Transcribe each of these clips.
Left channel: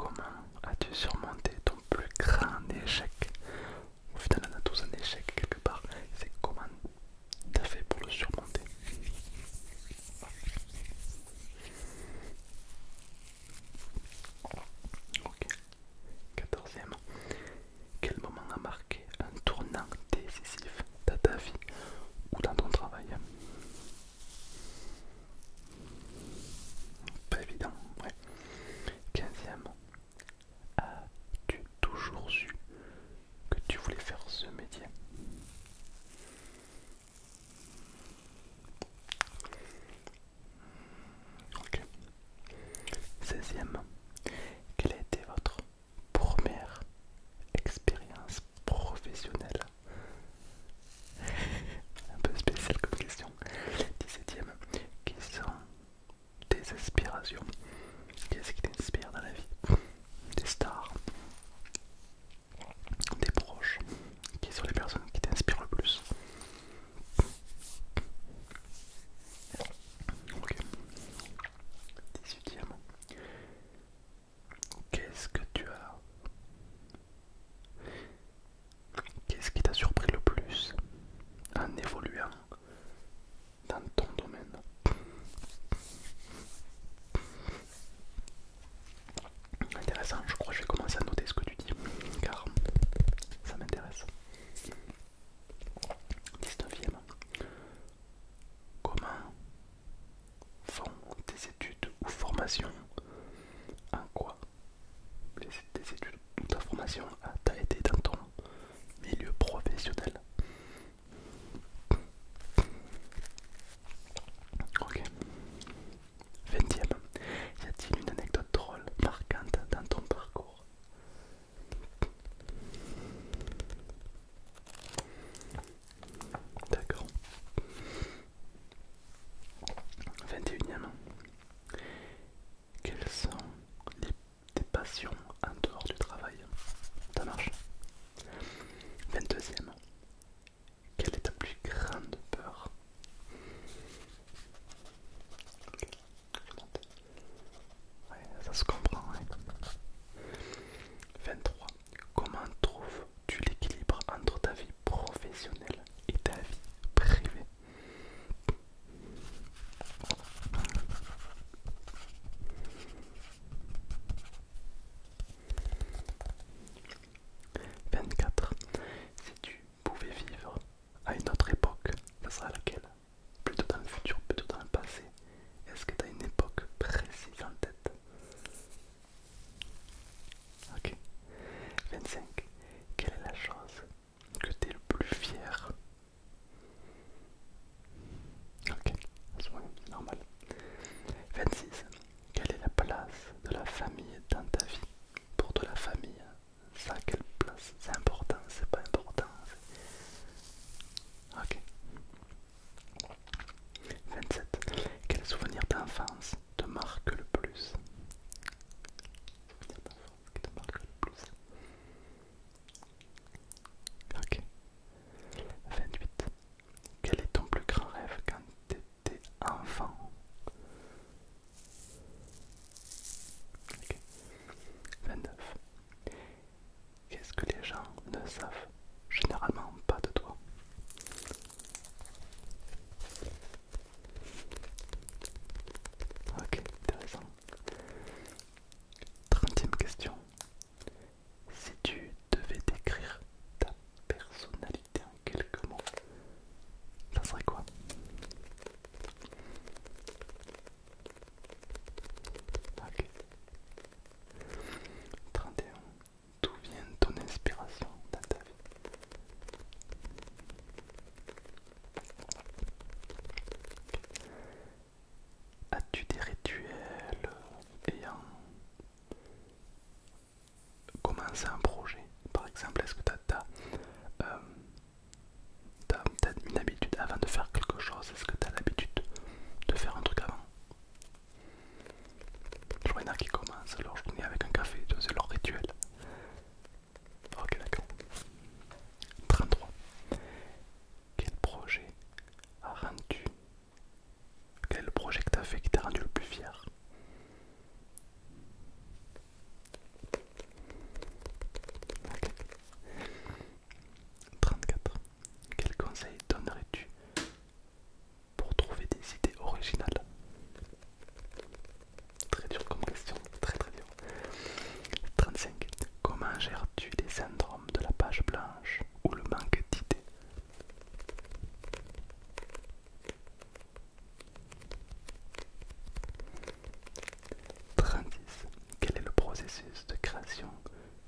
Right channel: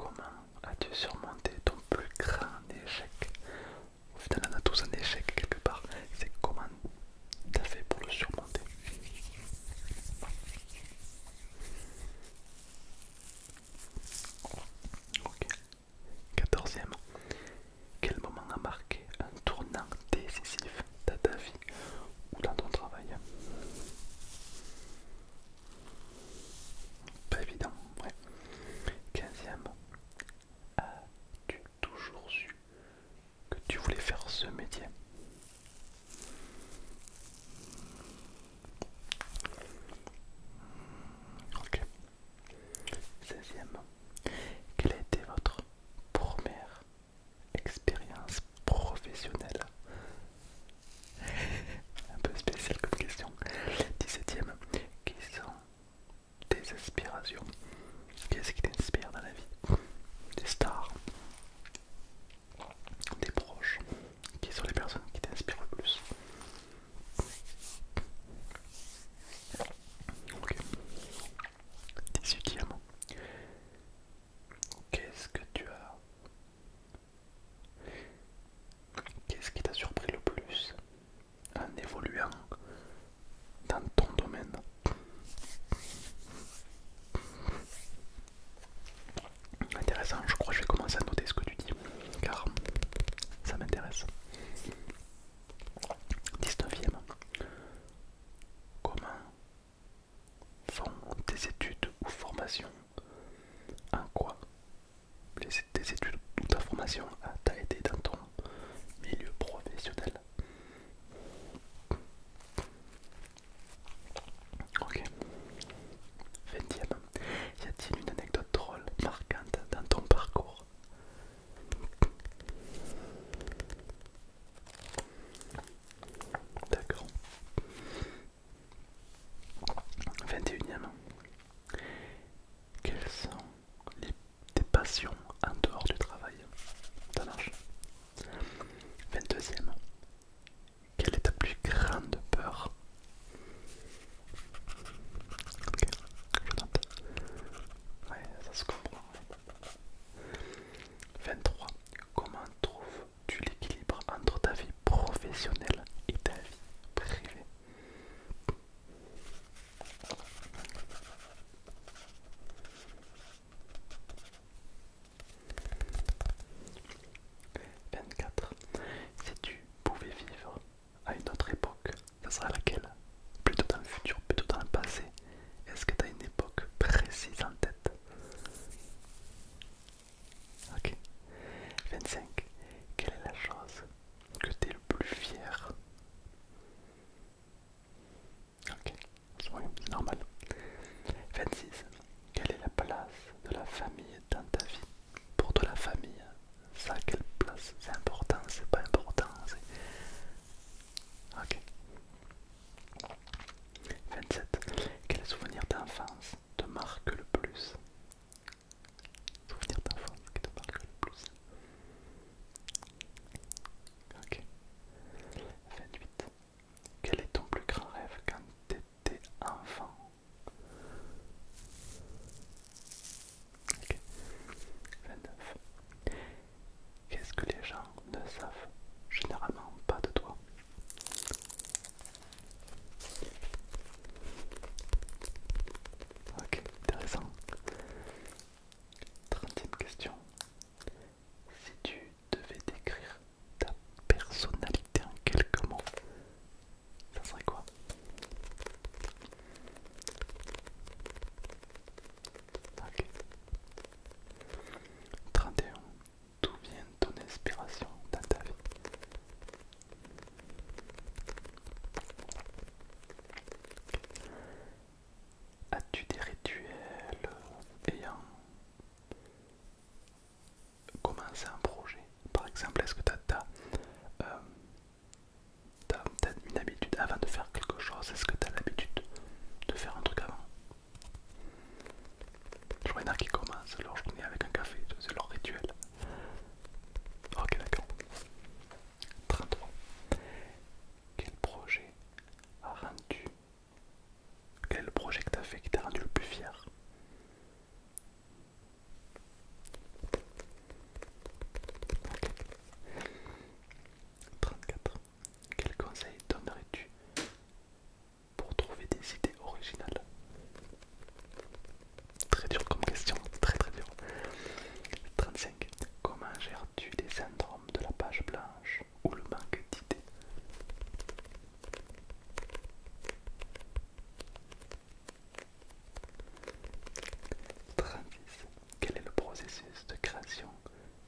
Comment as-tu surmonté ton plus grand échec? Au final, on a tous un échec quelque part. C'est comment t'as fait pour le surmonter? Ok. 14e. Quel moment a marqué un tournant décisif dans ta vie ou dans ton travail? Pas évident, ouais. 15e. As-tu toujours su que tu voulais faire ce métier? Ok. 16e. Quelle a été votre première expérience professionnelle? Un peu spécial comme question. 17e. Quelles sont tes aspirations? Qu'est-ce qui t'inspire dans la vie? Des stars, des proches. Qui sont les personnes qui t'inspirent le plus? Ok. 18e. Qu'est-ce que tu as Qu'est-ce qui t'a surpris le plus en évoluant dans ton domaine? Intéressant, je crois que je vais commencer à noter ce que tu dis, car ça m'intéresse. 19e. Comment font tes études ou formations? En quoi tes études ou ta formation t'a aidé dans ton milieu professionnel? Ok. 20e. Y a-t-il une anecdote drôle, marquante dans ton parcours? D'accord. 21e. Quelles sont tes passions en dehors du travail? Ça marche. 22e. Quelle est ta plus grande peur? Ok, je note. Ouais, ça se comprend. Ouais. 23. Comment trouves-tu l'équilibre entre ta vie professionnelle et ta vie privée? 24. Si tu pouvais vivre à une autre époque, ça sera laquelle? Plutôt dans le futur, plutôt dans le passé? Est-ce que tu as une époque précise en tête? Ok. 25. Quelle est la chose que tu es le plus fier? Ok, c'est normal. 26. Quelle est la place de la famille dans ta vie? Pour de la famille, ça a quelle place? C'est important, c'est pas important? Ok. 27. Quel souvenir d'enfance te marque le plus? Souvenir d'enfance qui te marque le plus? Ok. 28. Quel est ton plus grand rêve quand tu étais enfant? Ok. 29. Qu'est-ce que les gens ne savent généralement pas de toi? Ok, intéressant. 30e question. Si tu devais décrire ta personnalité en quelques mots, ça serait quoi? Ok. 31. D'où vient ton inspiration dans ta vie? As-tu des rituels ayant commencé un projet? Par exemple, est-ce que tu as, une habitude avant de faire quelque chose? Est-ce que tu as l'habitude de faire un truc avant? Je vois, il y en a qui commencent leur journée avec un café, c'est leur rituel. Ok, d'accord. 33. Quel projet a rendu Quel projet que tu as fait qui t'a rendu le plus fier? création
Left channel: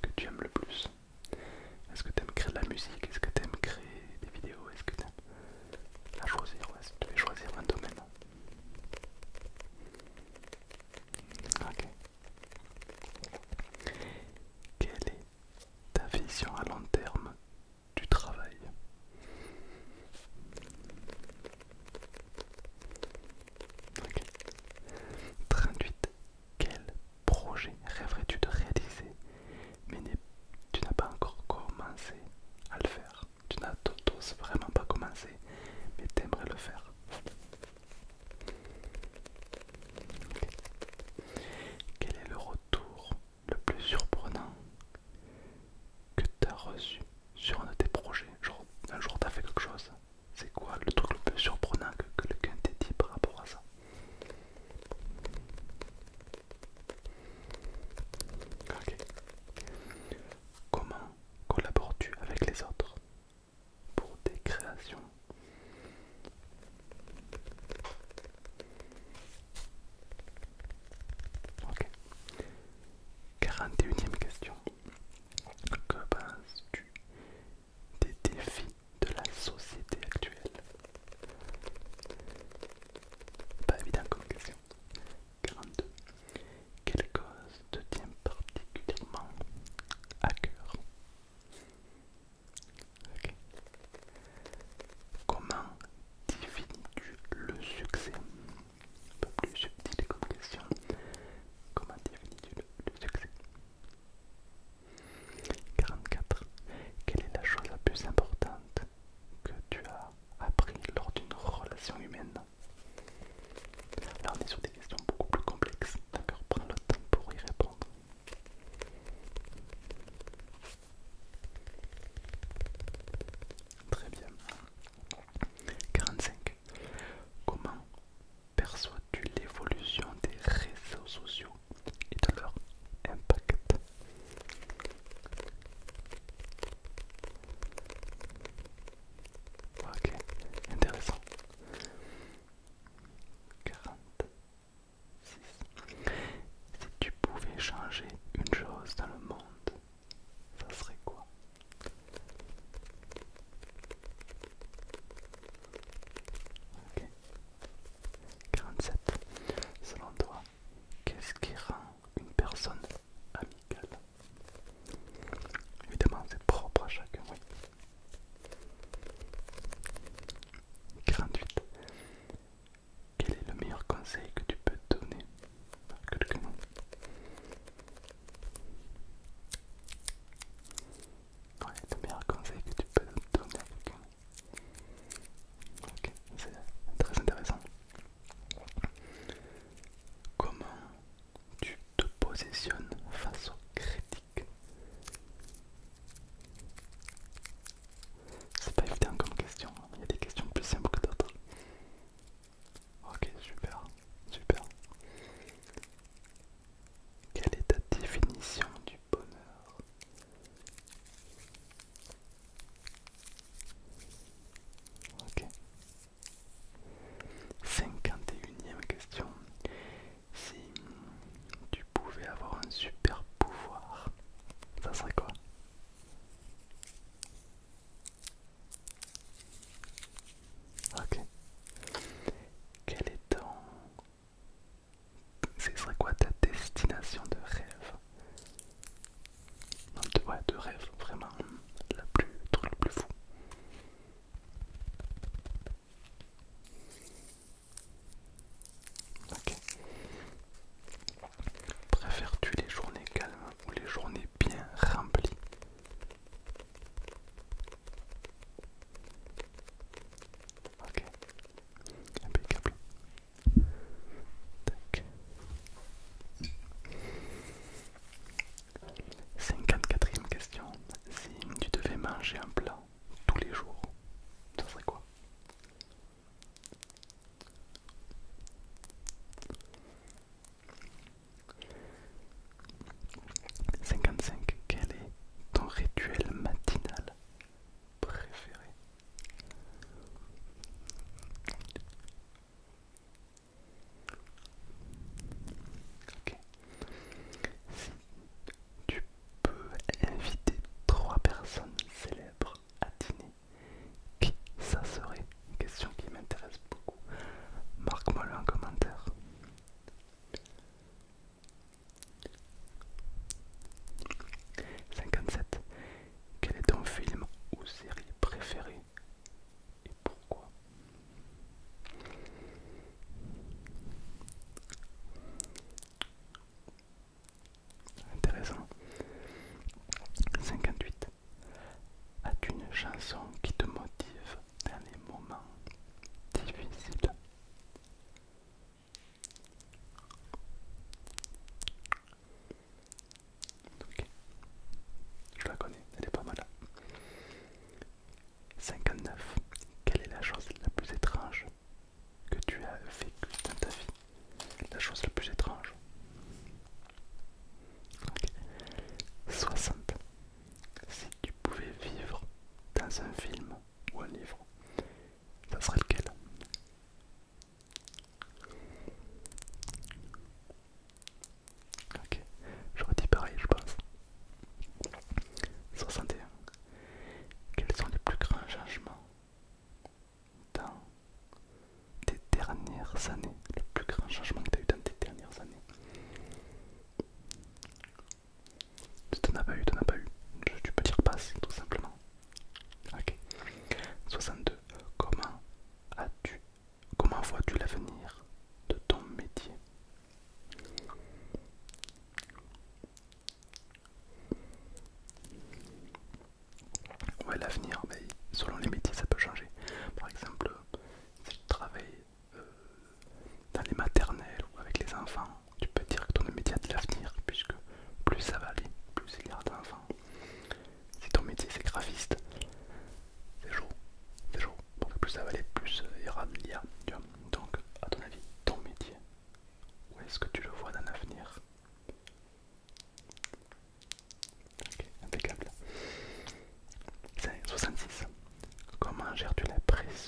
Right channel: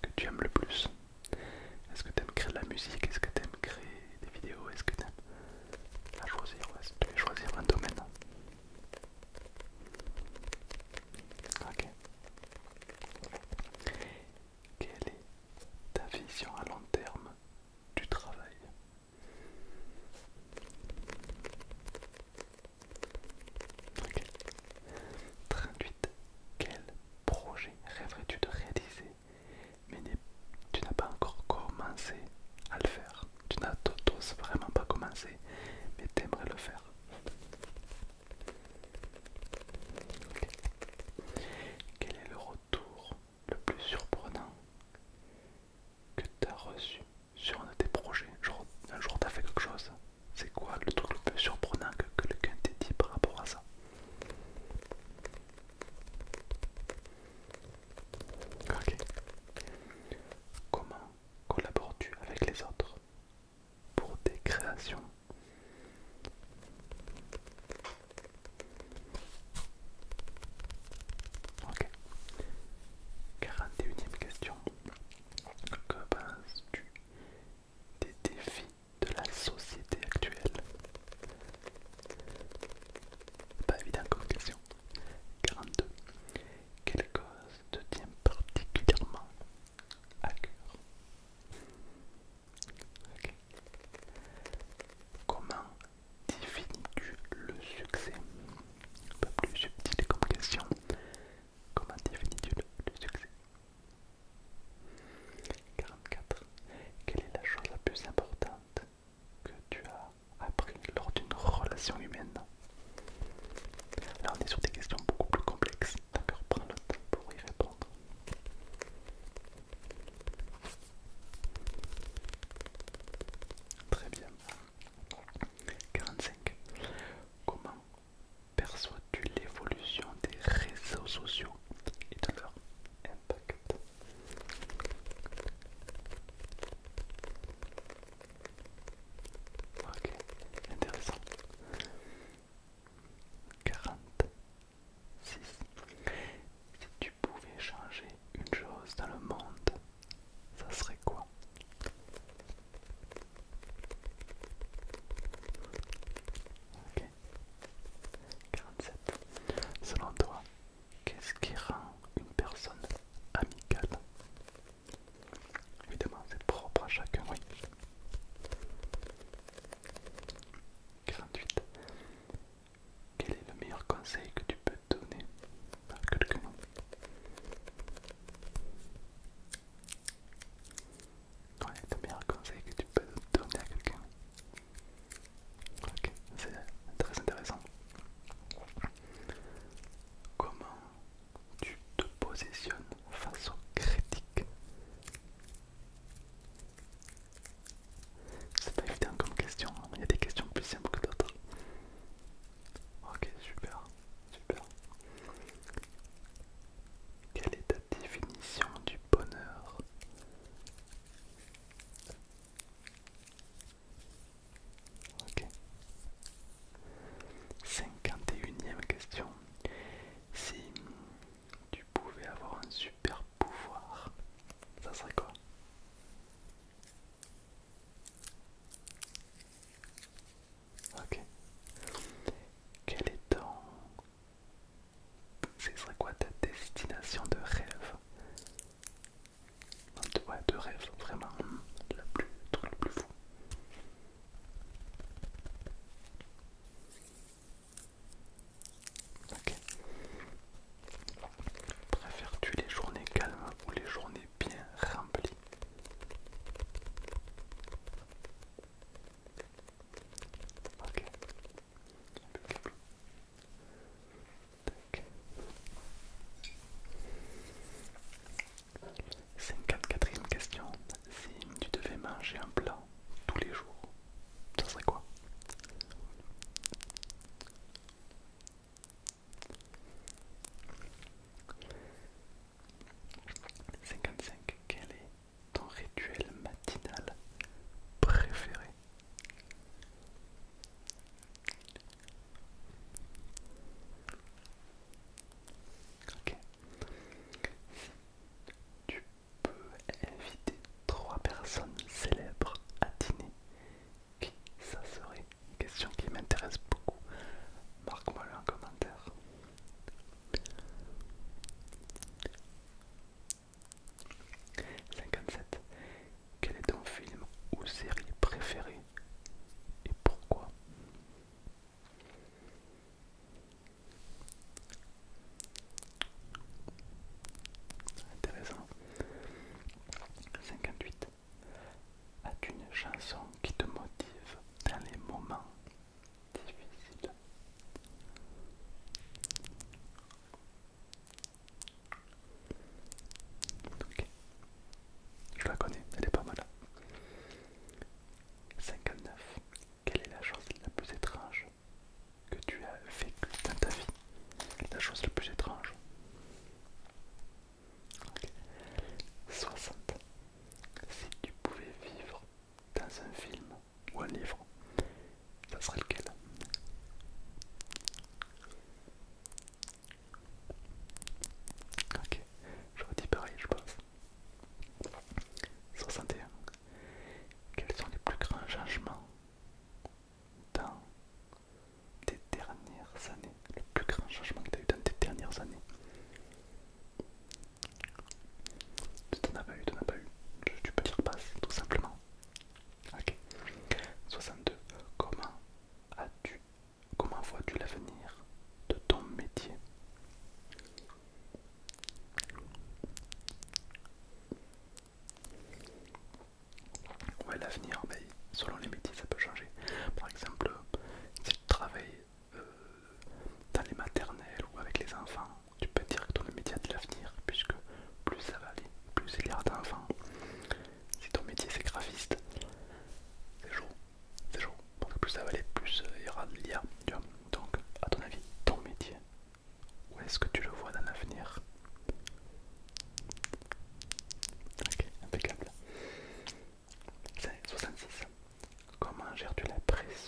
que tu aimes le plus? Est-ce que tu aimes créer de la musique? Est-ce que tu aimes créer des vidéos? Est-ce que tu aimes à choisir? Ouais, si tu devais choisir un domaine. Ok. Quelle est ta vision à long terme du travail? Ok. 38. Quel projet rêverais-tu de réaliser mais tu n'as pas encore commencé à le faire?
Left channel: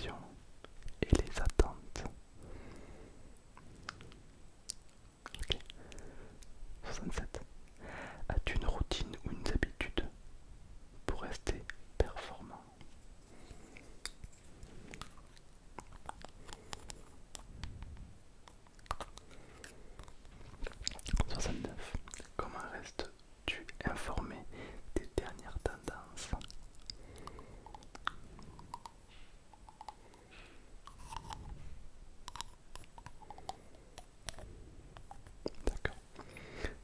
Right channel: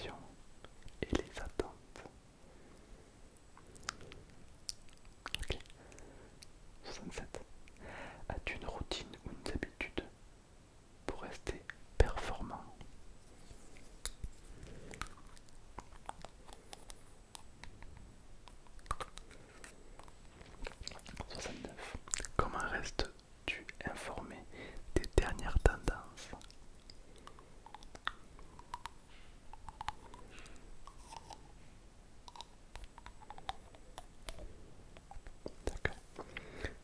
passions et les attentes. Ok. 67. As-tu une routine ou une habitude pour rester performant? 69. Comment restes-tu informé des dernières tendances? D'accord.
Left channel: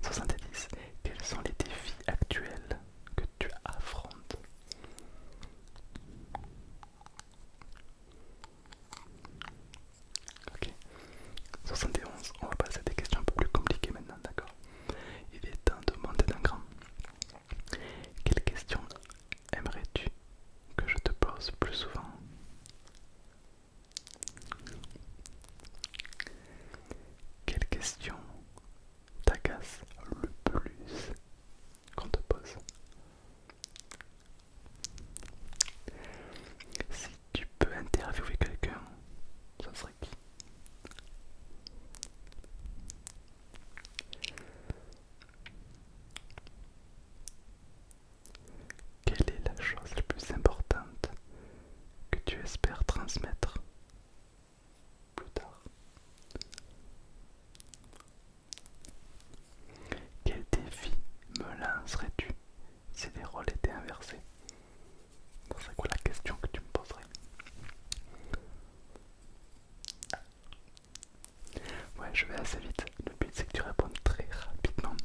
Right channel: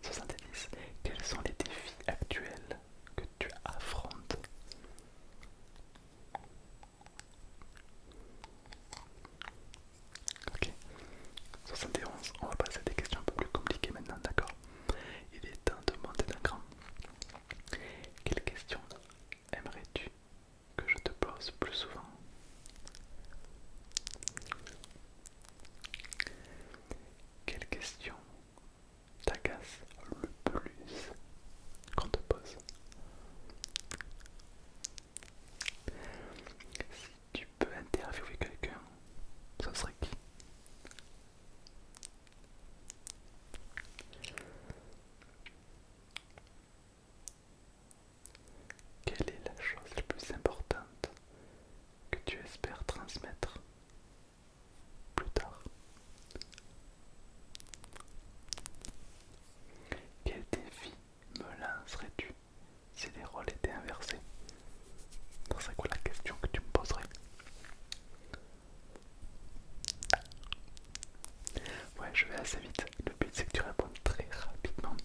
70. Quels sont les défis actuels que tu affrontes? Ok. 71. On va passer à des questions un peu plus compliquées maintenant, d'accord? Il est temps de monter d'un cran. Quelle question aimerais-tu que je te pose plus souvent? Quelle question t'agace le plus qu'on te pose? Si tu peux interviewer quelqu'un, ça serait qui? Quelle est la chose la plus importante que tu espères transmettre plus tard? Quel défi me lancerais-tu si les rôles étaient inversés? Ça serait quoi la question que tu me poserais? Ouais, je vais assez vite. Le but c'est que tu répondes très rapidement.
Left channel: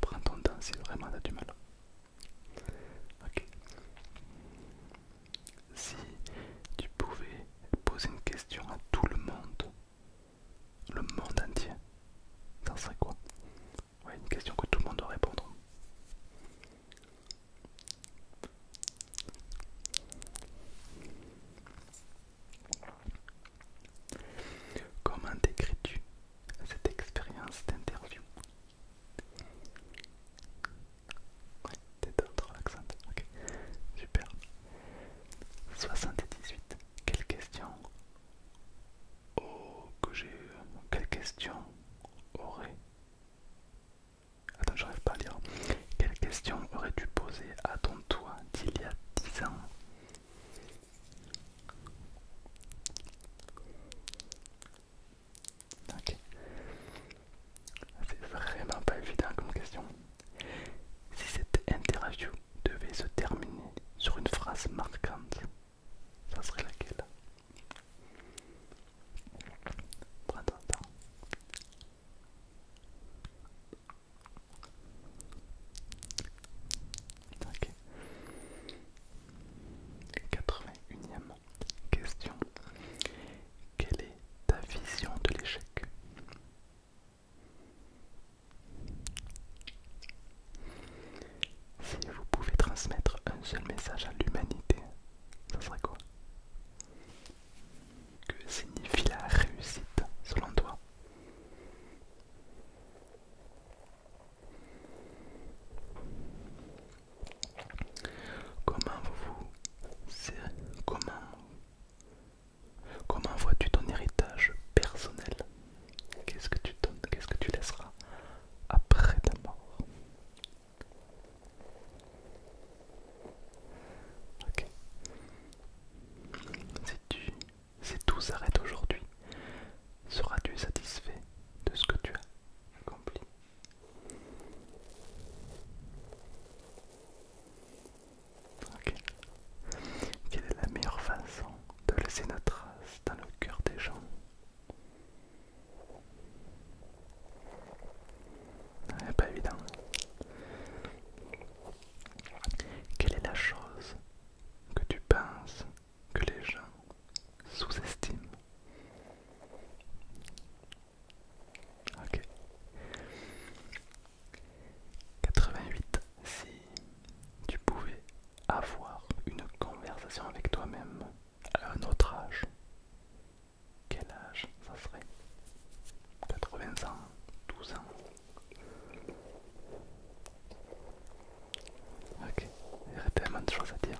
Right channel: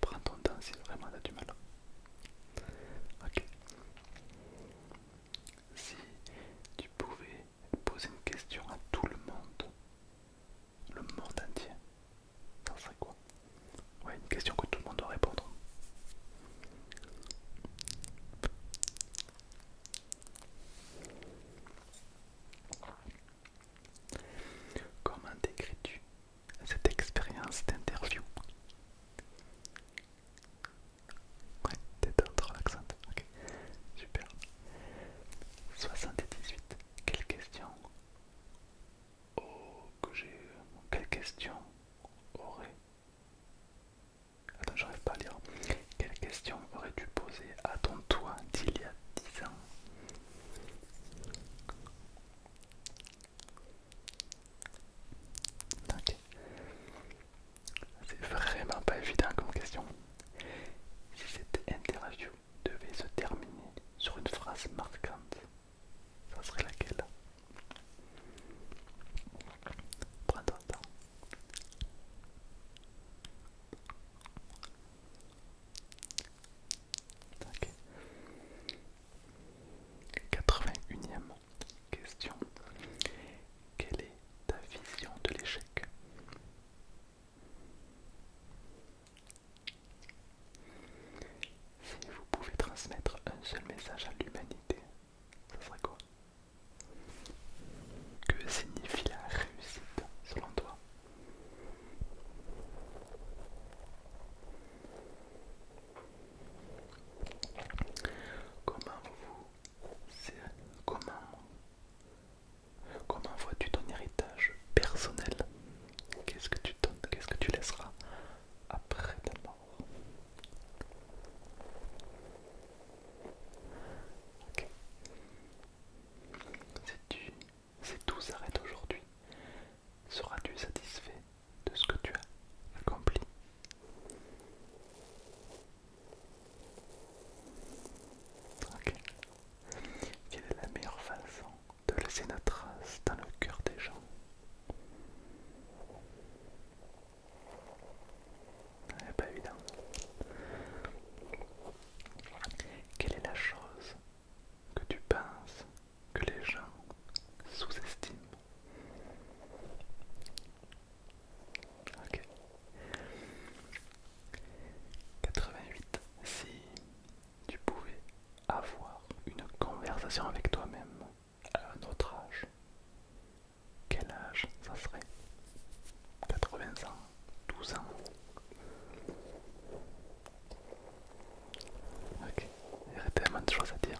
Prends ton temps si vraiment t'as du mal. Ok. Si tu pouvais poser une question à tout le monde entier, ça serait quoi? Ouais, une question que tout le monde doit répondre. Comment décris-tu cette expérience d'interview? Ouais, détente relaxante. Ok, super. 78. Quelle question? Oh, que j'ai eu. Quelle question aurait. Attends, j'arrive pas à lire. Quelle question aurais-tu posé à ton toi d'il y a 10 ans? Ok. C'est vraiment pas évident comme question. Si cette interview devait se terminer sur une phrase marquante, ça serait laquelle? Prends ton temps. Ok. 81e question. Quelle est ta vision de l'échec? Si vous pouvez transmettre un seul message à l'humanité, ça serait quoi? Que signifie la réussite selon toi? Comment comment, comment vois-tu ton héritage personnel? Qu'est-ce que tu donnes? Qu'est-ce que tu laisseras après ta mort? Ok. Si tout s'arrête aujourd'hui, seras-tu satisfait de ce que tu as accompli? Ok. Quelle est la meilleure façon de laisser notre trace dans le cœur des gens? Pas évident. Quelle est la chose que tu penses que les gens sous-estiment? Ok. 88. Si tu pouvais avoir une conversation avec toi-même à un autre âge, quel âge ça serait? 80 ans, 12 ans? Ok, il y a tellement de choses à dire.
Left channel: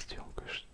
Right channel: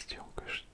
question que je